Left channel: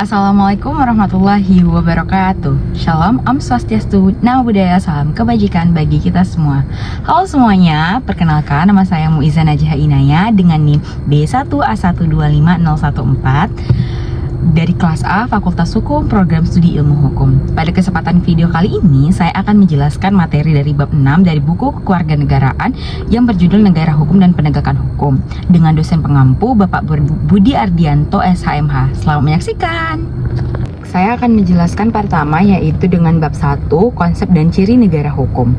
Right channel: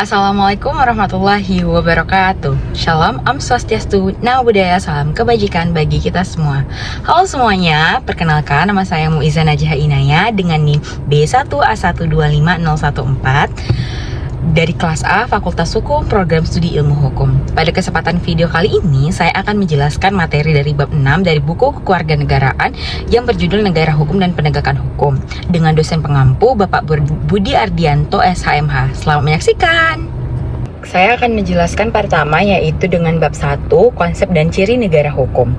Assalamualaikum warahmatullahi wabarakatuh. Shalom, Om Swastiastu, Namo Buddhaya, salam kebajikan bagi kita semua. Halo semuanya, perkenalkan nama saya Muiza Najah Inaya dengan NIM B1A125014 dari kelas A Fakultas Hukum Program Studi Ilmu Hukum. Pada kesempatan video kali ini, saya akan menjelaskan materi dari bab 6 dari buku Kewarganegaraan yang berjudul Negara Hukum dan Penegakan Hukum dengan dosen pengampu Bapak Budi Ardianto SHMH. Selamat menyaksikan. Saya akan menjelaskan pertama yaitu dengan bab 1, konsep dan ciri negara hukum.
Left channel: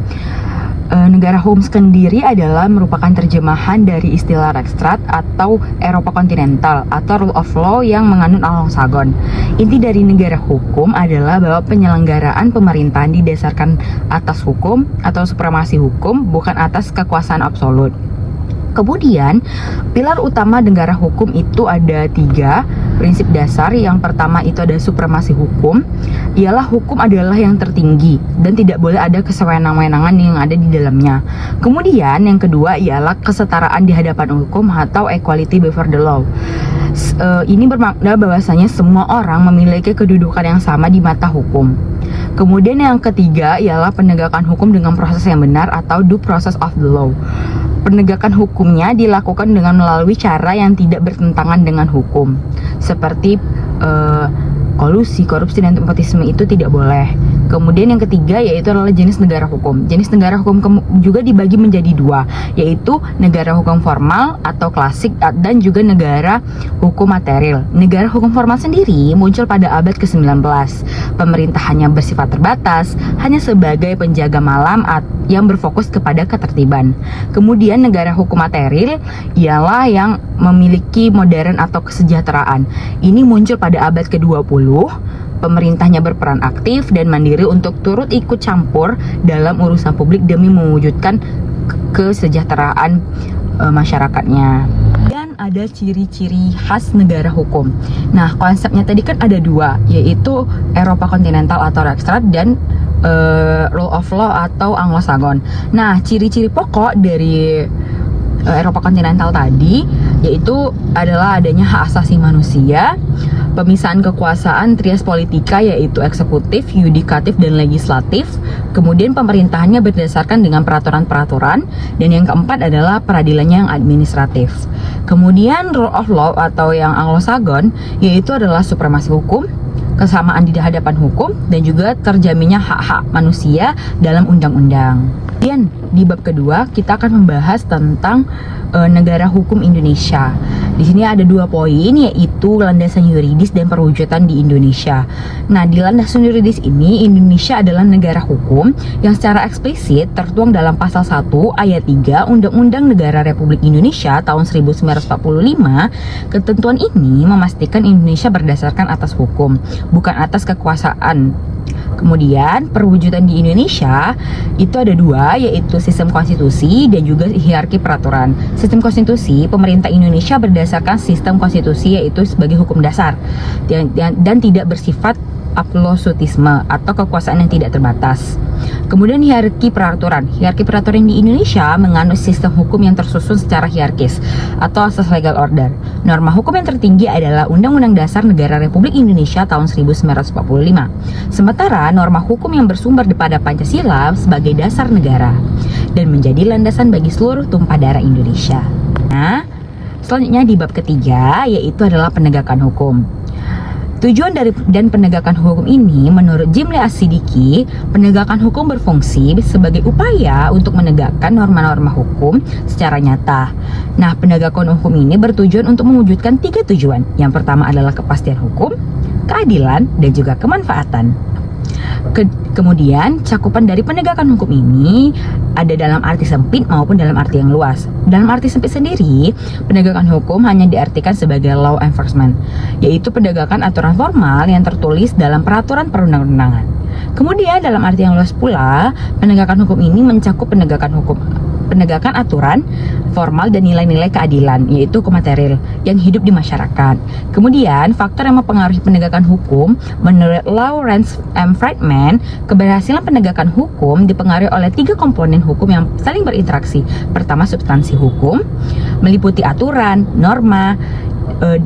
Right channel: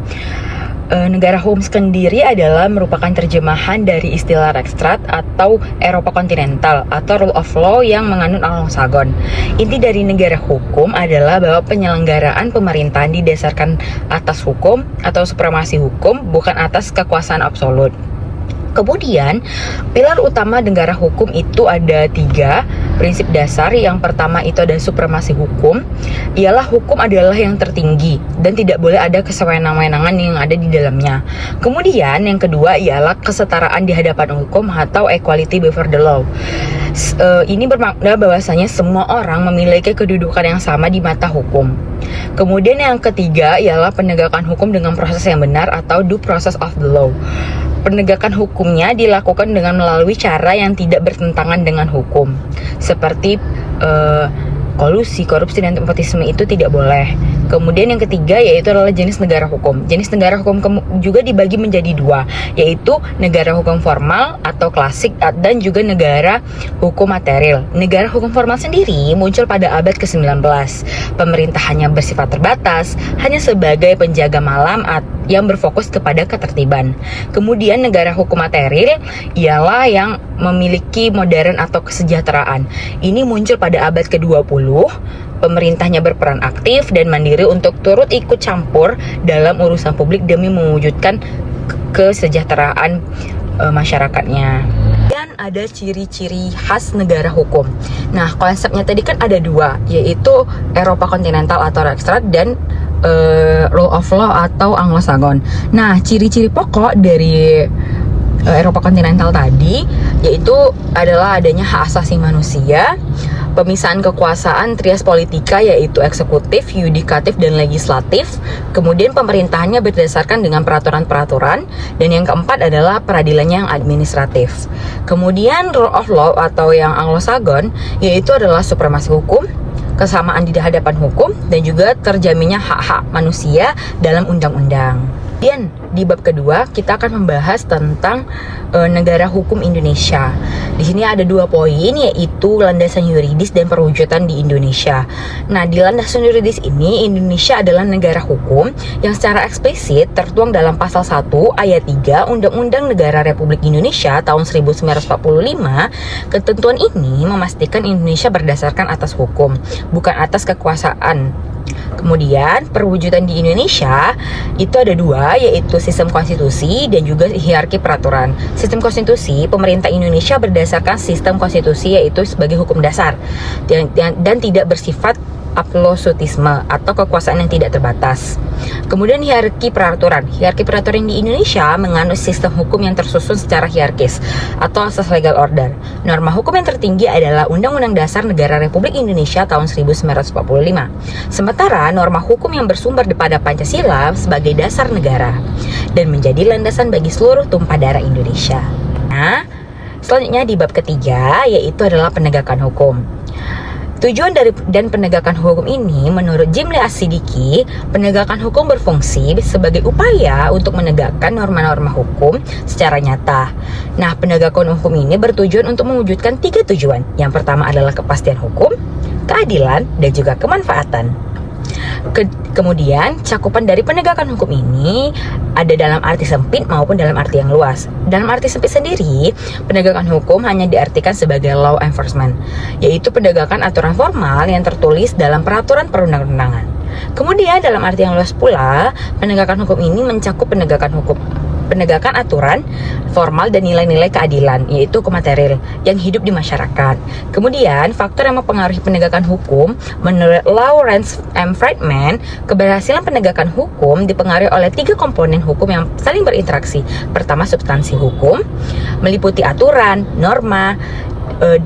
Negara hukum sendiri adalah merupakan terjemahan dari istilah Rechtsstaat atau Eropa kontinental atau rule of law yang menganut Anglo-Saxon. Inti dari negara hukum adalah bahwa penyelenggaraan pemerintahan didasarkan atas hukum atau supremasi hukum, bukan atas kekuasaan absolut. Kemudian, pilar utama negara hukum itu ada 3 prinsip dasar. Yang pertama itu ada supremasi hukum, ialah hukum adalah yang tertinggi dan tidak boleh ada kesewenang-wenangan yang ada di dalamnya. Kemudian yang kedua ialah kesetaraan di hadapan hukum atau equality before the law. Ini bermakna bahwasanya semua orang memiliki kedudukan yang sama di mata hukum. Kemudian yang ketiga ialah penegakan hukum dengan proses yang benar atau due process of the law. Penegakan hukumnya dilakukan dengan melalui cara yang tidak bertentangan dengan hukum, seperti kolusi, korupsi, dan nepotisme itu tidak boleh. Kemudian yang ketiga yaitu adalah jenis negara hukum. Jenis negara hukum juga dibagi menjadi 2, yaitu negara hukum formal atau klasik dan juga negara hukum material. Negara hukum formal sendiri muncul pada abad ke-19. Pemerintahannya bersifat terbatas, hanya sebagai penjaga malam yang berfokus kepada ketertiban. Kemudian negara hukum material ialah yang memiliki modern atau kesejahteraan. Ini muncul pada abad ke-20. Pemerintahnya berperan aktif dan mandiri untuk turut ikut campur dalam urusan publik demi mewujudkan kesejahteraan masyarakatnya. Dan ada ciri-ciri khas negara hukum. Nah, konsepnya tadi kan ada 2, yaitu Eropa kontinental atau Rechtsstaat dan rule of law atau Anglo-Saxon. Nah, ciri-ciri pokok dari Eropa kontinental tadi yaitu adalah adanya hak asasi manusia, pemisahan kekuasaan trias politika yaitu eksekutif, yudikatif, dan legislatif. Kemudian pemerintahannya berdasarkan dengan peraturan-peraturan, dan yang keempat adalah peradilannya yang administratif. Kemudian rule of law atau yang Anglo-Saxon yaitu adalah supremasi hukum, kesamaan di hadapan hukum, dan juga terjaminnya hak-hak manusia dalam undang-undang. Kemudian di bab kedua kita akan membahas tentang negara hukum Indonesia. Di sini ada 2 poin, yaitu landasan yuridis dan perwujudan di Indonesia. Nah, di landasan yuridis ini Indonesia adalah negara hukum yang secara eksplisit tertuang dalam pasal 1 ayat 3 Undang-Undang Negara Republik Indonesia tahun 1945. Ketentuan ini memastikan Indonesia berdasarkan atas hukum, bukan atas kekuasaan. Kemudian perwujudan di Indonesia itu ada 2, yaitu sistem konstitusi dan juga hierarki peraturan. Sistem konstitusi, pemerintah Indonesia berdasarkan sistem konstitusi yaitu sebagai hukum dasar dan tidak bersifat absolutisme atau kekuasaan yang tidak terbatas. Kemudian hierarki peraturan. Hierarki peraturan di Indonesia menganut sistem hukum yang tersusun secara hierarkis atau asas legal order. Norma hukum yang tertinggi adalah Undang-Undang Dasar Negara Republik Indonesia tahun 1945. Sementara norma hukum yang bersumber pada Pancasila sebagai dasar negara dan menjadi landasan bagi seluruh tumpah darah Indonesia. Nah, selanjutnya di bab ketiga yaitu adalah penegakan hukum. Tujuan dan penegakan hukum ini menurut Jimli As-Sidiki, penegakan hukum berfungsi sebagai upaya untuk menegakkan norma-norma hukum secara nyata. Nah, penegakan hukum ini bertujuan untuk mewujudkan 3 tujuan. Yang pertama adalah kepastian hukum, keadilan, dan juga kemanfaatan. Kemudian cakupan dari penegakan hukum ini ada dalam arti sempit maupun dalam arti yang luas. Dalam arti sempit sendiri, penegakan hukum hanya diartikan sebagai law enforcement, yaitu penegakan aturan formal yang tertulis dalam peraturan perundang-undangan. Kemudian dalam arti yang luas pula, penegakan hukum ini mencakup penegakan aturan formal dan nilai-nilai keadilan, yaitu hukum material yang hidup di masyarakat. Kemudian faktor yang mempengaruhi penegakan hukum menurut Lawrence M. Friedman, keberhasilan penegakan hukum dipengaruhi oleh 3 komponen hukum yang saling berinteraksi. Pertama, substansi hukum meliputi aturan, norma,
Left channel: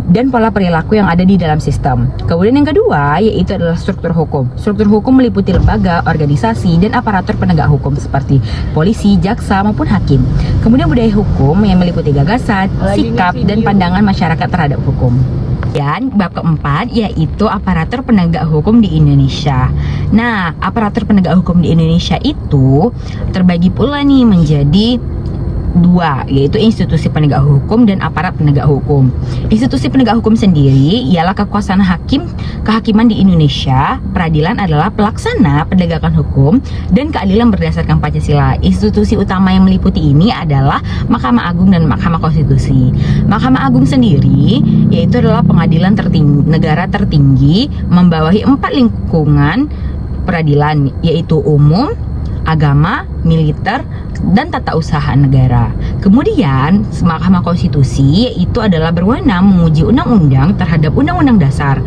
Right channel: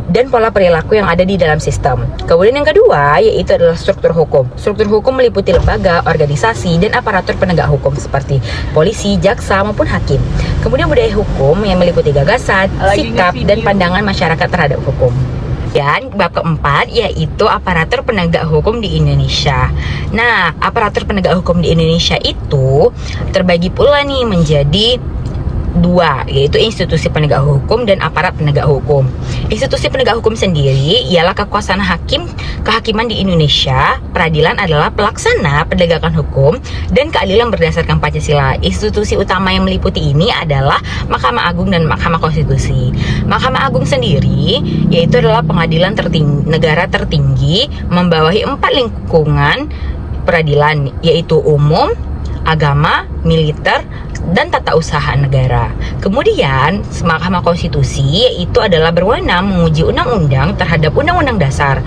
dan pola perilaku yang ada di dalam sistem. Kemudian yang kedua yaitu adalah struktur hukum. Struktur hukum meliputi lembaga, organisasi, dan aparatur penegak hukum seperti polisi, jaksa, maupun hakim. Kemudian budaya hukum yang meliputi gagasan, sikap, dan pandangan masyarakat terhadap hukum. Dan bab keempat yaitu aparatur penegak hukum di Indonesia. Nah, aparatur penegak hukum di Indonesia itu terbagi pula nih menjadi dua, yaitu institusi penegak hukum dan aparat penegak hukum. Institusi penegak hukum sendiri ialah kekuasaan kehakiman di Indonesia. Peradilan adalah pelaksana penegakan hukum dan keadilan berdasarkan Pancasila. Institusi utama yang meliputi ini adalah Mahkamah Agung dan Mahkamah Konstitusi. Mahkamah Agung sendiri yaitu adalah pengadilan negara tertinggi, membawahi 4 lingkungan peradilan, yaitu umum, agama, militer, dan tata usaha negara. Kemudian Mahkamah Konstitusi yaitu adalah berwenang menguji undang-undang terhadap undang-undang dasar.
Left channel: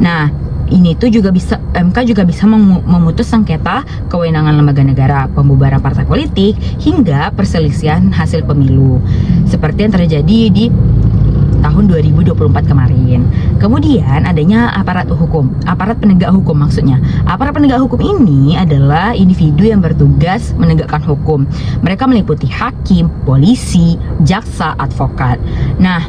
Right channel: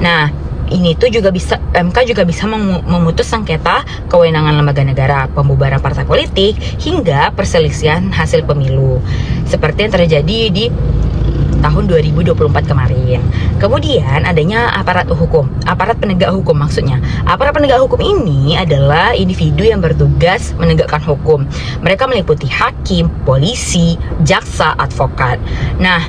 Nah, ini tuh juga bisa, MK juga bisa memutus sengketa kewenangan lembaga negara, pembubaran partai politik, hingga perselisihan hasil pemilu seperti yang terjadi di tahun 2024 kemarin. Kemudian adanya aparat penegak hukum maksudnya. Aparat penegak hukum ini adalah individu yang bertugas menegakkan hukum. Mereka meliputi hakim, polisi, jaksa, advokat. Nah,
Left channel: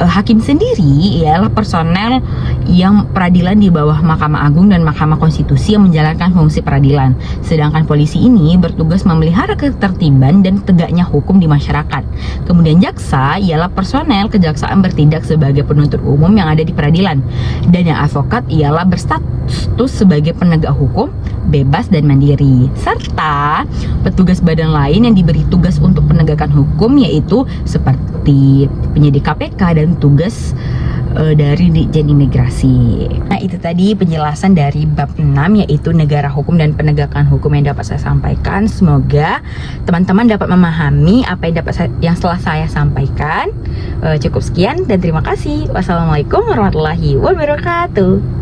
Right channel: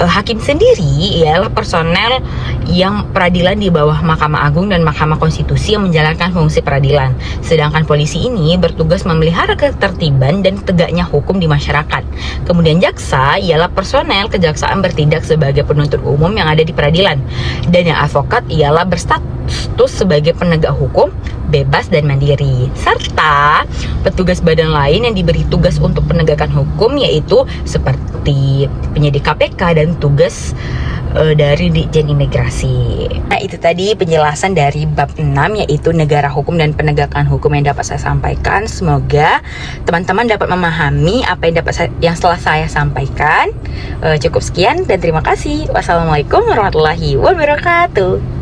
hakim sendiri ialah personel yang peradilan di bawah Mahkamah Agung dan Mahkamah Konstitusi yang menjalankan fungsi peradilan. Sedangkan polisi ini bertugas memelihara ketertiban dan tegaknya hukum di masyarakat. Kemudian jaksa ialah personel kejaksaan bertindak sebagai penuntut umum yang ada di peradilan. Dan yang advokat ialah berstatus sebagai penegak hukum, bebas dan mandiri. Serta petugas badan lain yang diberi tugas untuk penegakan hukum yaitu seperti penyidik KPK dan tugas dari Ditjen Imigrasi. Nah, itu tadi penjelasan dari bab 6 yaitu negara hukum dan penegakan hukum yang dapat saya sampaikan. Semoga teman-teman dapat memahami apa yang setelah saya sampaikan. Cukup sekian dan terima kasih. Wassalamualaikum warahmatullahi wabarakatuh.